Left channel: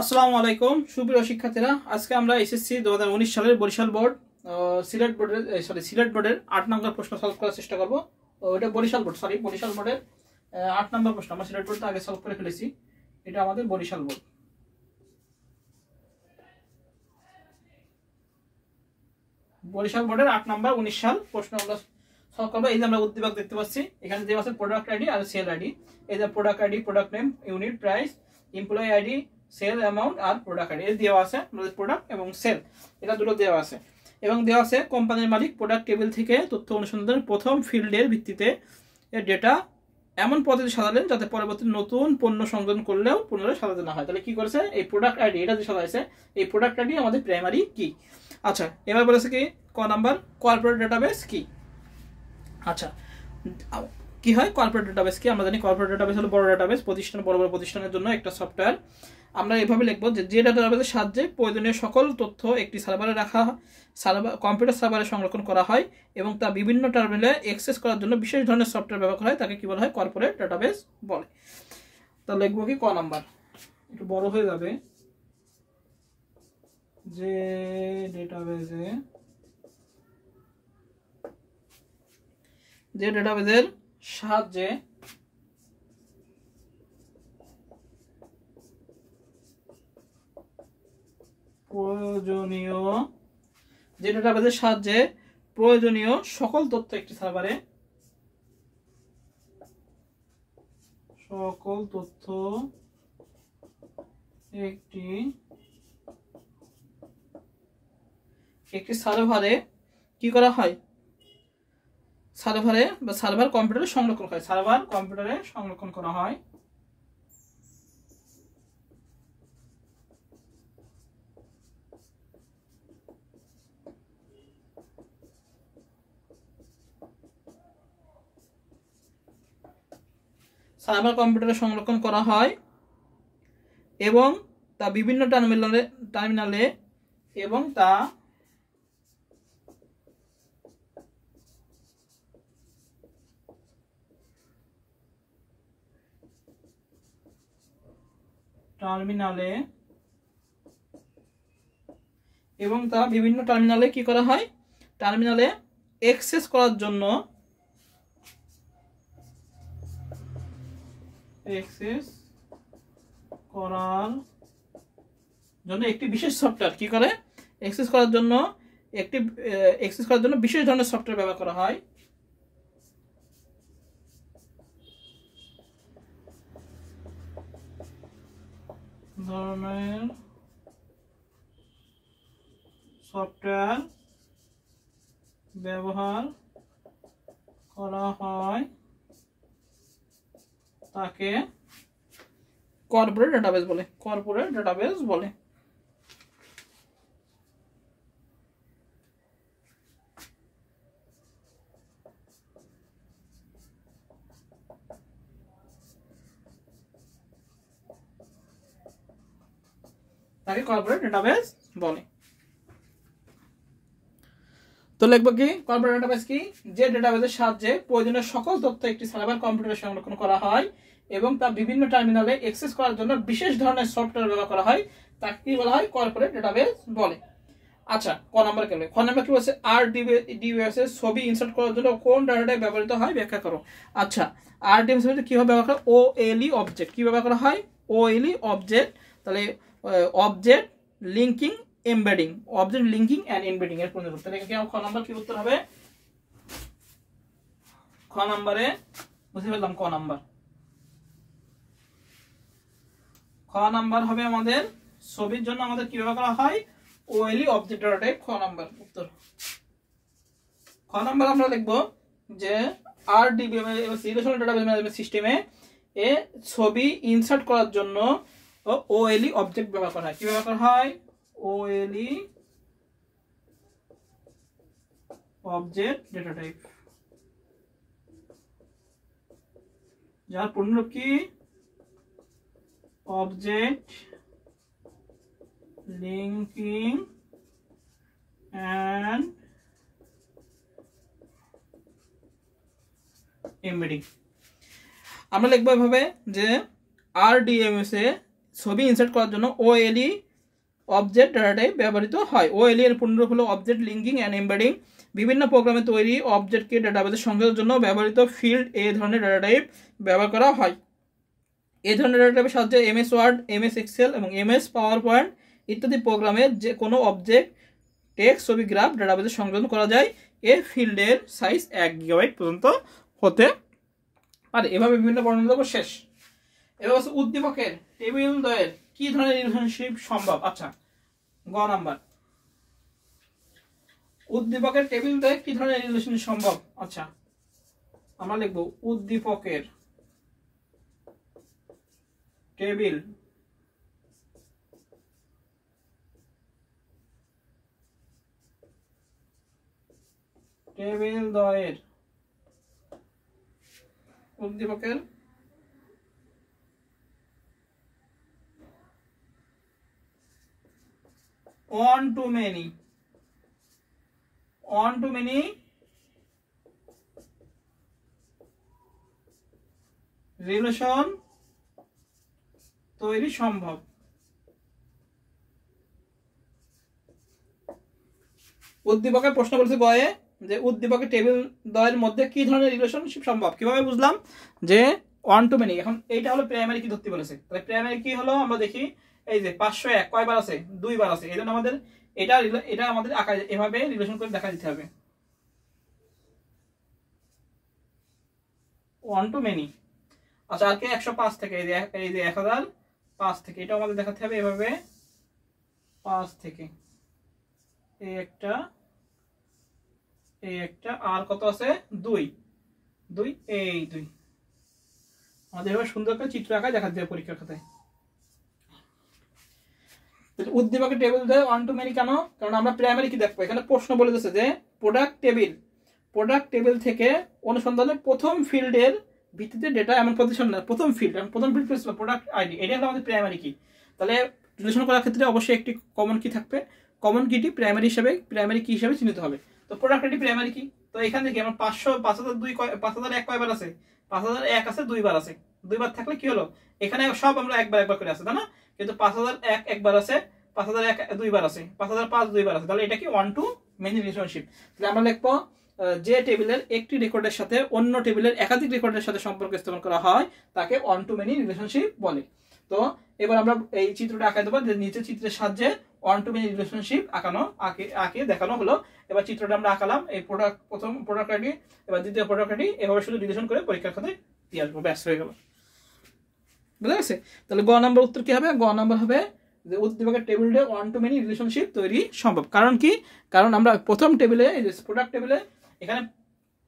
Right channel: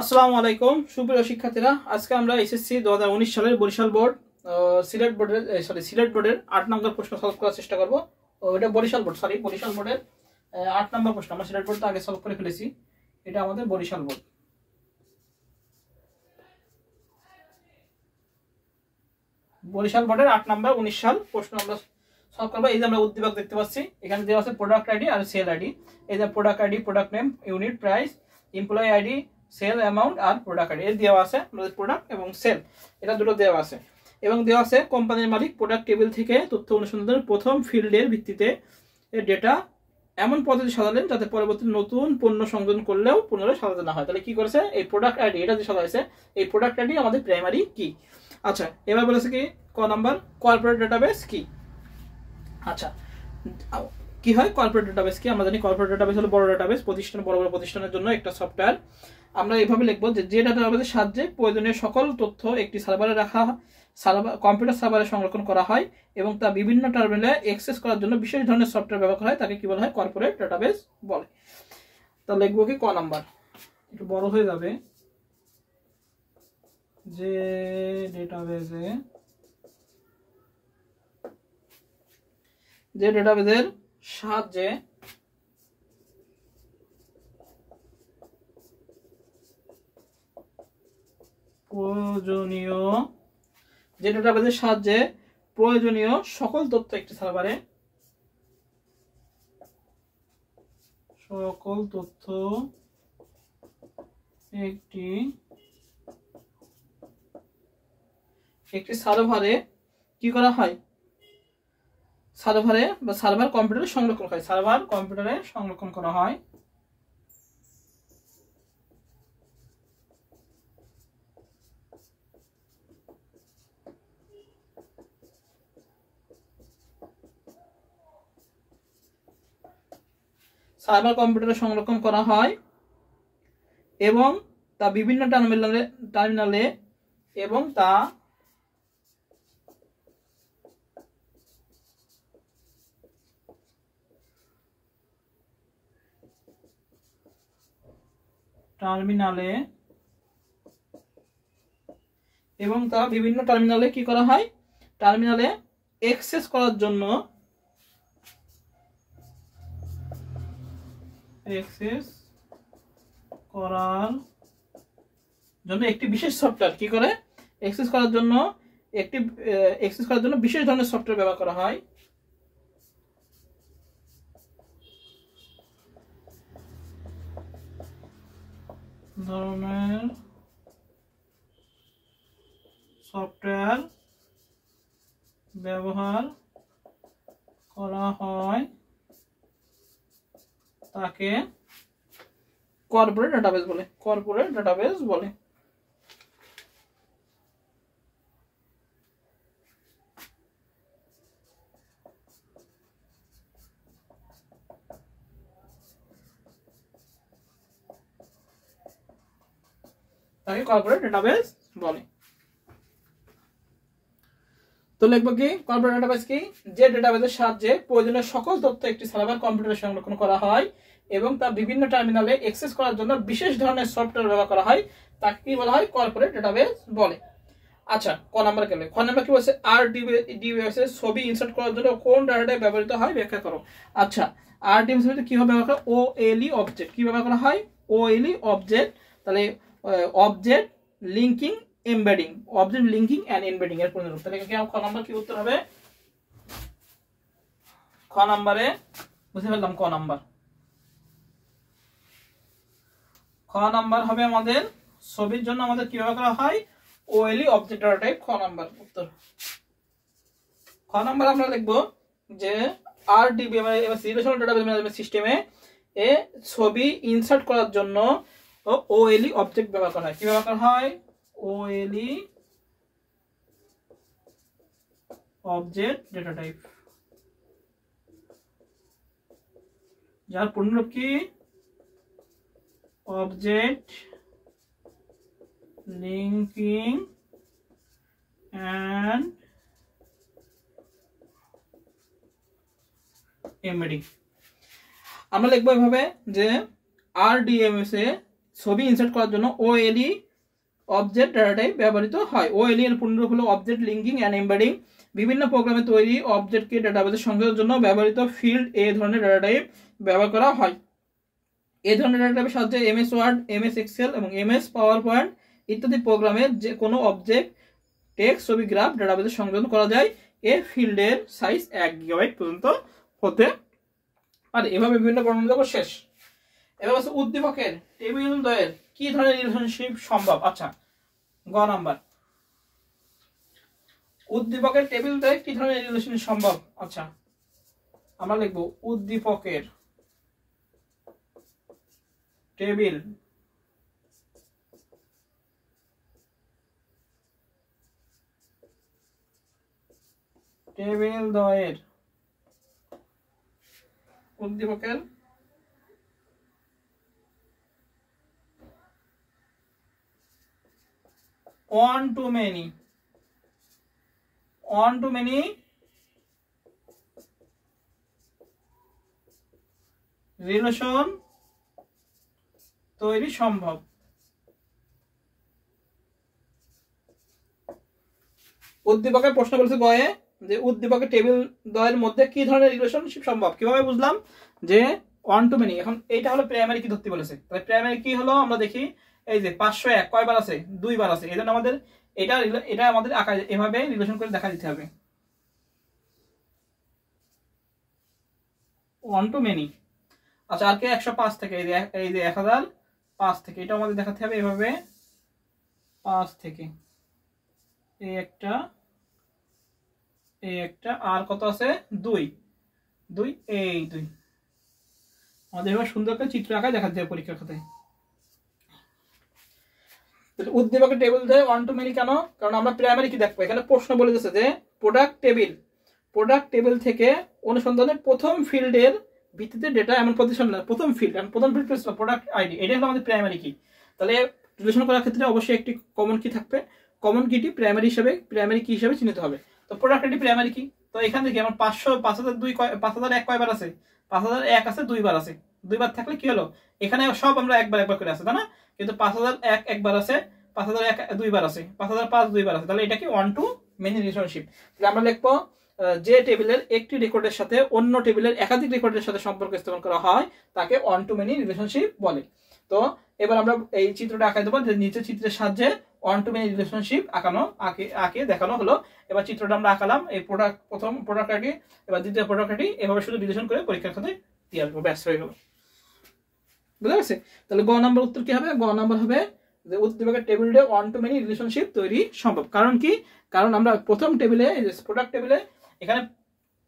আসসালামু আলাইকুম সুপ্রিয় শিক্ষার্থীরা, আজকে আমরা এসএসসি 2019 সালের বরিশাল বোর্ড সিলেট বোর্ডের 8 নম্বর প্রশ্ন সলভ করার চেষ্টা করব। এটা বরিশাল বোর্ডের 8 নম্বর প্রশ্ন। আমরা সিলেট বোর্ড তো আগে সলভ করে ফেলেছি, এটা আমাদের বরিশাল বোর্ড। বরিশাল বোর্ডের 8 নম্বর 19 সাল প্রশ্ন আমরা সলভ করব। এই যে আমরা উদ্দীপক দেখতে পাচ্ছি, এখানে দেওয়া আছে প্রোডাক্ট আইডি আর সেল আইডি। এই যে product ID, product name, unit price, employee ID, sale amount আর প্রোডাক্ট আইডি দেওয়া আছে। প্রোডাক্ট এবং সেল এটা দুটো দেওয়া আছে, এবং দেওয়া আছে কোম্পানির মালিক প্রোডাক্ট টেবিল থেকে তথ্য অনুসন্ধানের প্রথম ফিল্ডের ভিত্তিতে ডেটা এমন পদ্ধতি সাজালেন যাতে পরবর্তী নতুন পণ্য সংযোজন করলেও পুনরায় সাজাতে না হয়। তাহলে কি করেছে, এই প্রোডাক্ট আইডি এটা যে সাজাইছে, এই প্রোডাক্ট আইডি আমাদের প্রাইমারি কি। আচ্ছা, এবার বলেছে কি ক নাম্বার, কর্পোরেট ডাটাবেস কি। আচ্ছা, কি হয় কর্পোরেট ডাটাবেস কি? আমরা জানি কর্পোরেট ডাটাবেস হলো বড় ডাটাবেস, বড় বড় প্রতিষ্ঠানের জন্য একটা সফটওয়্যার। আমরা এইভাবে লিখবো যে ডাটাবেসের সাহায্যে প্রয়োজনীয় সকল তথ্য একটি সার্ভারে কম্পিউটার সার্ভারে সংরক্ষণ করা হয় এবং তা বিভিন্ন টার্মিনালে অ্যাক্সেস করার জন্য বিশেষ ধরনের সফটওয়্যার ব্যবহার করা হয়, তাকে কি বলা হয়, কর্পোরেট ডাটাবেস বলে। তা লিখবো কি ক নাম্বার, একটু বড় হয়ে যাবে, যে ডাটাবেসের সাহায্যে প্রয়োজনীয় সকল তথ্য একটি সার্ভারে কি করা হয়, সার্ভার কম্পিউটারে সংরক্ষণ করা হয়। সার্ভার কম্পিউটারে সংরক্ষণ করা হয় এবং তা বিভিন্ন টার্মিনালে এবং তা বিভিন্ন টার্মিনালে কি করা হয়, টার্মিনালে অ্যাক্সেস করার জন্য একটি বিশেষ সফটওয়্যার কি করে, অ্যাক্সেস করার জন্য বিশেষ ধরনের সফটওয়্যার ব্যবহার করা হয়। তাকে কর্পোরেট ডাটাবেস বলে। তো লিখবো কি কর্পোরেট ডাটাবেস কি, যে ডাটাবেসের সাহায্যে প্রয়োজনীয় সকল তথ্য একটি সার্ভার কম্পিউটারে সংরক্ষণ করা হয় এবং তা বিভিন্ন টার্মিনালে অ্যাক্সেস করার জন্য বিশেষ ধরনের সফটওয়্যার ব্যবহার করা হয়, তাকে কি বলা হয়, কর্পোরেট ডাটাবেস বলে। আচ্ছা, ক নাম্বার গেলে খ নাম্বার কি বলছে, RDBMS এর ছবি ইনসার্ট করার জন্য কোন ডাটাটাইপ ব্যবহৃত হয় ব্যাখ্যা করো। আচ্ছা, RDBMS এর কি হবে ব্যবহার করা, OLE অবজেক্ট কি ব্যবহার করা হয়, OLE অবজেক্ট। তাহলে object linking embedding, object linking and embedding এর পরিণত। তাহলে খ নাম্বার কি উত্তর হবে, খ নাম্বারে বুঝে ফেললাম। খ নাম্বার হবে আমাদের ছবির জন্য আমাদের কি ব্যবহার করা হয়, OLE অবজেক্ট ডাটা টাইপ। খ নাম্বার উত্তর। খ নাম্বার আমরা লিখবো যে RDBMS রিলেশনাল ডাটাবেস ম্যানেজমেন্ট সিস্টেমে ছবি ইনসার্ট করার জন্য OLE অবজেক্ট ব্যবহার করা হয়। কি ব্যবহার করা হয়, OLE অবজেক্ট ডেটা টাইপ, যার পূর্ণরূপ কি, অবজেক্ট লিংকিং এন্ড এমবেডিং। আমরা লিখবো এভাবে যে RDBMS এ ছবি ইনসার্ট করার জন্য ওএলই অবজেক্ট ডাটা টাইপ ব্যবহৃত হয়। ওএলই এর পূর্ণরূপ হলো অবজেক্ট লিঙ্কিং অ্যান্ড এমবেডিং। বিভিন্ন প্রোগ্রামে তৈরি অবজেক্টকে ডাটাবেসে সংযোগের জন্য ব্যবহৃত ফিল্ড এই ধরনের ডাটা টাইপ ব্যবহার করা হয়। এই ধরনের ডাটা টাইপের সাহায্যে এমএস ওয়ার্ড, এমএস এক্সেল এবং এমএস পাওয়ার পয়েন্ট ইত্যাদি প্রোগ্রামে যে কোনো অবজেক্ট, টেক্সট, ছবি, গ্রাফ ডাটাবেসে সংযোজন করা যায়। এ ফিল্ডের সাইজ 1 গিগাবাইট পর্যন্ত হতে পারে। এভাবে বিভিন্ন বর্ণনা শেষ। এবার হচ্ছে উদ্দীপকের টেবিল দ্বয়ের কি ধরনের রিলেশনশিপ সম্ভব। আচ্ছা, গ নাম্বার, উদ্দীপকের টেবিল দ্বয়ে কি ধরনের রিলেশনশিপ সম্ভব। আচ্ছা, আমরা লিখব উদ্দীপকের টেবিল দ্বয়ের উদ্দীপকের one to many রিলেশন তৈরি সম্ভব। উদ্দীপকের প্রশ্ন বলছে গয়ে যে উদ্দীপকের টেবিল দ্বয়ের মধ্যে কি ধরনের রিলেশনশিপ সম্ভব। কিভাবে বুঝলাম যে 1 to many। এখন এইটা হলো প্রাইমারি কি ধরতে বলেছে, তাহলে প্রাইমারি কি হলো আমরা দেখি, এই যে 501 কয়বার আছে, 2 বার আছে। এজন্য আমাদের এটা আমাদের আকারে এভাবে রিলেশন করে দেখা দিতে হবে 1 to many। আচ্ছা, আর কে 105 থেকে, এই যে 1005 থেকে, এটা আমাদের দেখাতে হবে এভাবে 5 থেকে, এই একটা আর কত আছে 2 এই 2 আমাদের এভাবে সুন্দর করে চিত্র আঁকায় দেখাতে হবে পরীক্ষার খাতায়। উদ্দীপকের টেবিল দেয় 1 to many কেন, কারণ আমরা প্রাইমারি কি দেখবো, এখানে প্রশ্ন বলে দিয়েছে যে প্রোডাক্ট টেবিল থেকে অনুসন্ধানের প্রথম ফিল্ডের ভিত্তিতে ডেটা এমন পজিশন না, প্রথম ফিল্ড প্রোডাক্ট আইডি, এটা হলো আমাদের প্রাইমারি কি। তাহলে রিলেশন করার ক্ষেত্রে অবশ্যই একটি কমন কি থাকবে, কমন কিটি প্রাইমারি কি হিসাবে চিহ্নিত হবে। তো প্রোডাক্ট আইডি প্রাইমারি কি, তো এখান থেকে আমার 5001 কয়বার আছে, 5001 আছে 2 বার আছে। 2 বার থাকলে কি হলো, এখানে সব আমরা একবার করে আছে, তাই না, কিন্তু 5001 একবার আছে, 5001 2 বার আছে, 5005 2 বার আছে। তাহলে এটা কি 1 to many রিলেশনশিপ। তাহলে আমরা লিখবো যে টেবিলের একটি রেকর্ডের সাথে অন্য টেবিলের একাধিক রেকর্ডের সাথে সম্পর্ক স্থাপন করা হয় তাকে 1 to many রিলেশনশিপ বলে। তো এবার আমরা এই চিত্রটা আঁকাই দেবো, যে নিচে চিত্রের সাহায্যে 1 to many রিলেশনশিপ আঁকে দেখানো হলো। এবার চিত্রটা আমরা আঁকালাম, এই প্রথম প্রোডাক্ট আইডি, এবার দ্বিতীয় প্রোডাক্ট আইডি, এভাবে শুধু রিলেশন করে পরীক্ষার খাতায় দিয়ে আসবো, ব্যাস হয়ে গেল। বুঝা গেছে? তাহলে গ নাম্বার উত্তর কি হবে, গ নাম্বার হবে যে উদ্দীপকের টেবিলে 1 to many রিলেশনশিপ তৈরি সম্ভব। কারণ কি, কারণ আমরা প্রথম টেবিলে প্রোডাক্ট টেবিলে এখানে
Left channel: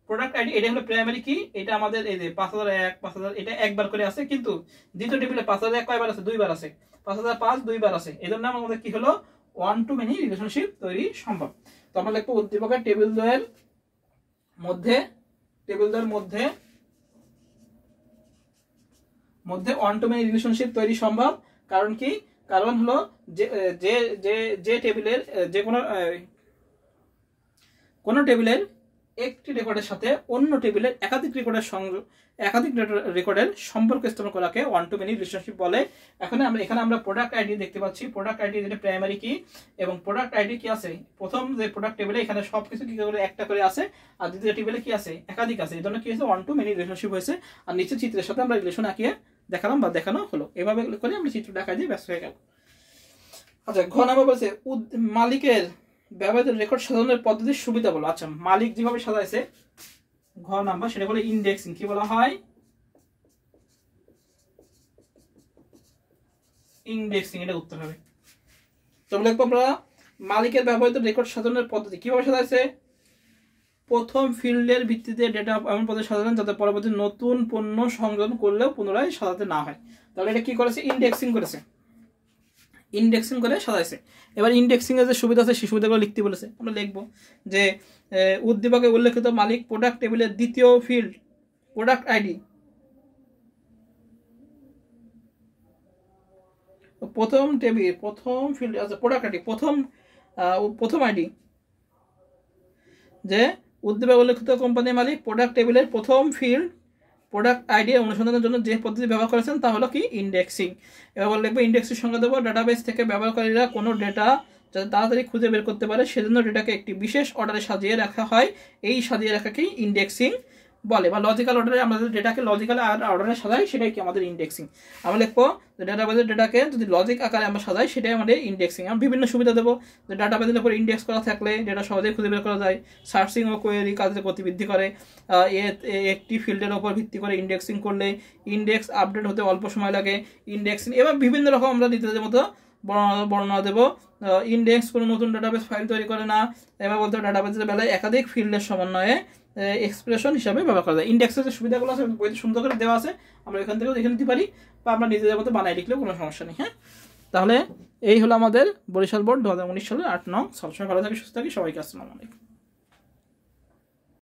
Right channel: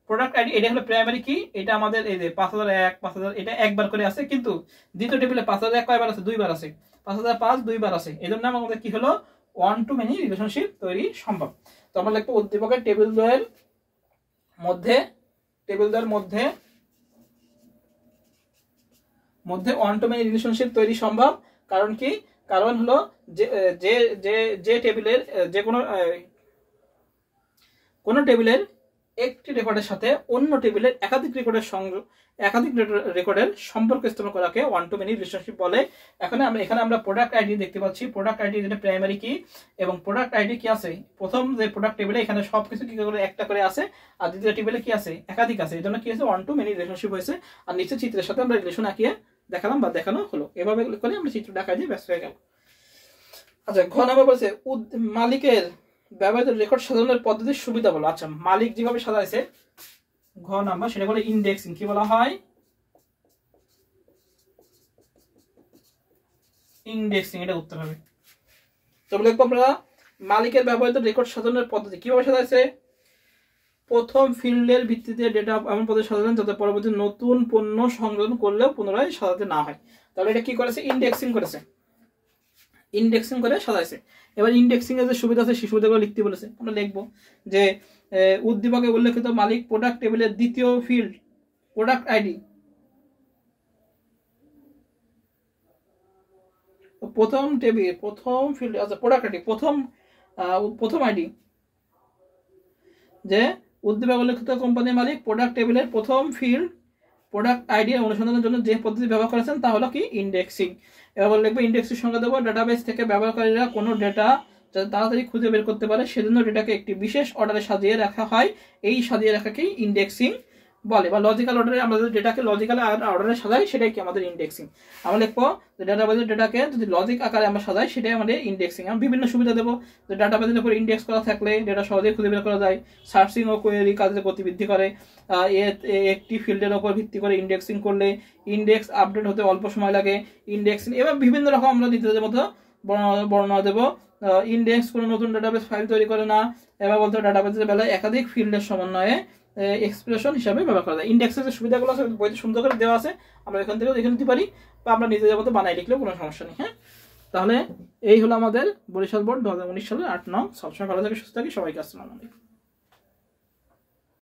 প্রোডাক্ট আইডি এটা হলো প্রাইমারি কি, এটা আমাদের এই যে 5001 5000 এটা একবার করে আছে, কিন্তু দ্বিতীয় টেবিলে 5001 কয়বার আছে, 2 বার আছে, 5005 2 বার আছে। এজন্য আমাদের কি হলো 1 to many রিলেশনশিপ তৈরি সম্ভব। তো আমরা লিখবো উদ্দীপকের টেবিল দ্বয়ের মধ্যে 1 to many রিলেশনশিপ তৈরি সম্ভব। কারণ কি, কারণ হলো যে টেবিলের যে কোনো টেবিলের একটি রেকর্ডের সাথে অন্য টেবিলের একাধিক রেকর্ডের সম্পর্ক স্থাপন করাকে 1 to many রিলেশনশিপ বলে। এখানে আমরা প্রোডাক্ট আইডি দেখতে পাচ্ছি, প্রোডাক্ট আইডি যেটা প্রাইমারি কি, এবং প্রোডাক্ট আইডি কি আছে, প্রথম যে প্রোডাক্ট টেবিলে এখানে সবকিছু কি করে একটা করে আছে, আর দ্বিতীয় টেবিলে কি আছে, একাধিক আছে। এই জন্য কি হয়েছে 1 to many রিলেশনশিপ হয়েছে। আর নিচে চিত্রের সাথে আমরা রিলেশন আঁকিয়ে দেখালাম বা দেখানো হলো, এভাবে করে আমরা চিত্র ঢাকা দিয়ে ব্যস্ত হয়ে গেল। আচ্ছা, ঘ নাম্বার বলছে মালিকের ব্যবহৃত রেকর্ড সাজানোর পদ্ধতির সুবিধা বলো। আচ্ছা, মালিক যেভাবে সাজাইছে ঘ নাম্বার, সেটা বলে ইন্ডেক্সিং। কি বলা হয়, ইন্ডেক্সিং, এটা উত্তর হবে। তো লিখবো আমরা মালিকের ব্যবহৃত রেকর্ড সাজানোর পদ্ধতি কিভাবে সাজাইছে, প্রথম ফিল্ডের ভিত্তিতে ডেটা এমন পদ্ধতি সাজানো যাতে পরবর্তী নতুন পণ্য সংযোজন করলেও পুনরায় সাজাতে না হয়। তাহলে এটা কি করেছে, ইন্ডেক্সিং করেছে, ইন্ডেক্সিং করে সাজাইছে। এবার ইন্ডেক্সিং এর যে সুবিধা আছে সেই সুবিধাগুলো লিখতে বলেছে। আমরা লিখবো যে উদ্দীপকে উল্লেখিত মালিক প্রোডাক্ট টেবিলের দ্বিতীয় ফিল্ড প্রোডাক্ট আইডি, প্রথম ফিল্ড আছে প্রোডাক্ট আইডি, প্রথম আইডি, যে উদ্দীপকে উল্লেখিত কোম্পানির মালিক প্রোডাক্ট টেবিলের প্রথম ফিল্ড প্রোডাক্ট আইডি অনুসন্ধানের জন্য যে পদ্ধতি ব্যবহার করেছেন তা হলো কি ইন্ডেক্সিং। এবার লিখবো ইন্ডেক্সিং সংজ্ঞা দেবো, ডাটাবেস থেকে ব্যবহারকারীরা কোনো ডেটা যাতে তাড়াতাড়ি খুঁজে বের করতে পারে সেজন্য ডেটাকে একটি বিশেষ অর্ডারে সাজিয়ে রাখা হয়, এই সাজিয়ে রাখাকেই ইন্ডেক্সিং বলে। বা লজিক্যাল অর্ডারে আমরা যদি ডেটাকে লজিক্যাল অর্ডারে সাজাই সেটাই কি আমাদের ইন্ডেক্সিং। আমরা লিখবো যে ডাটাবেজের ডেটাকে যদি লজিক আকারে আমরা সাজাই সেটাই আমাদের ইন্ডেক্সিং। আমরা বিভিন্ন সুবিধা দেবো, যে ডাটাবেজের উপর ইন্ডেক্স করা থাকলে ডেটা সহজেই খুঁজে বের করা যায়, সার্চিং ও কোয়েরি কাজের গতি বৃদ্ধি করে, একটি ফিল্ডের উপর ভিত্তি করে ইন্ডেক্সিং করলে ইন্ডেক্স আপডেট হতে অল্প সময় লাগে, ইন্ডেক্সিং এবং বিভিন্ন রকম আমরা ডিটেলের মতো বর্ণনা দেবো। ইন্ডেক্স কোনো নতুন ডাটাবেস ফাইল তৈরি করে না, এবার বলতে ডাটাবেসের বেলায় একাধিক ফিল্ডের সমন্বয়ে এক্সপ্রেশন হিসাবে ব্যবহার করা যায়। ইন্ডেক্সের যে সুবিধাগুলো আছে বইতে সুন্দর করে দেওয়া আছে, আমরা এখান থেকেও দেখে নিতে পারি বা আমরা নিজেদের মতো বানাই লিখলেও কোনো সমস্যা নেই। হ্যাঁ, তাহলে এই হলো আমাদের বরিশাল বোর্ড 2019 সালের 8 নং। সবসময় ভালো থাকি, সুস্থ থাকি, সবাইকে আসসালামু আলাইকুম।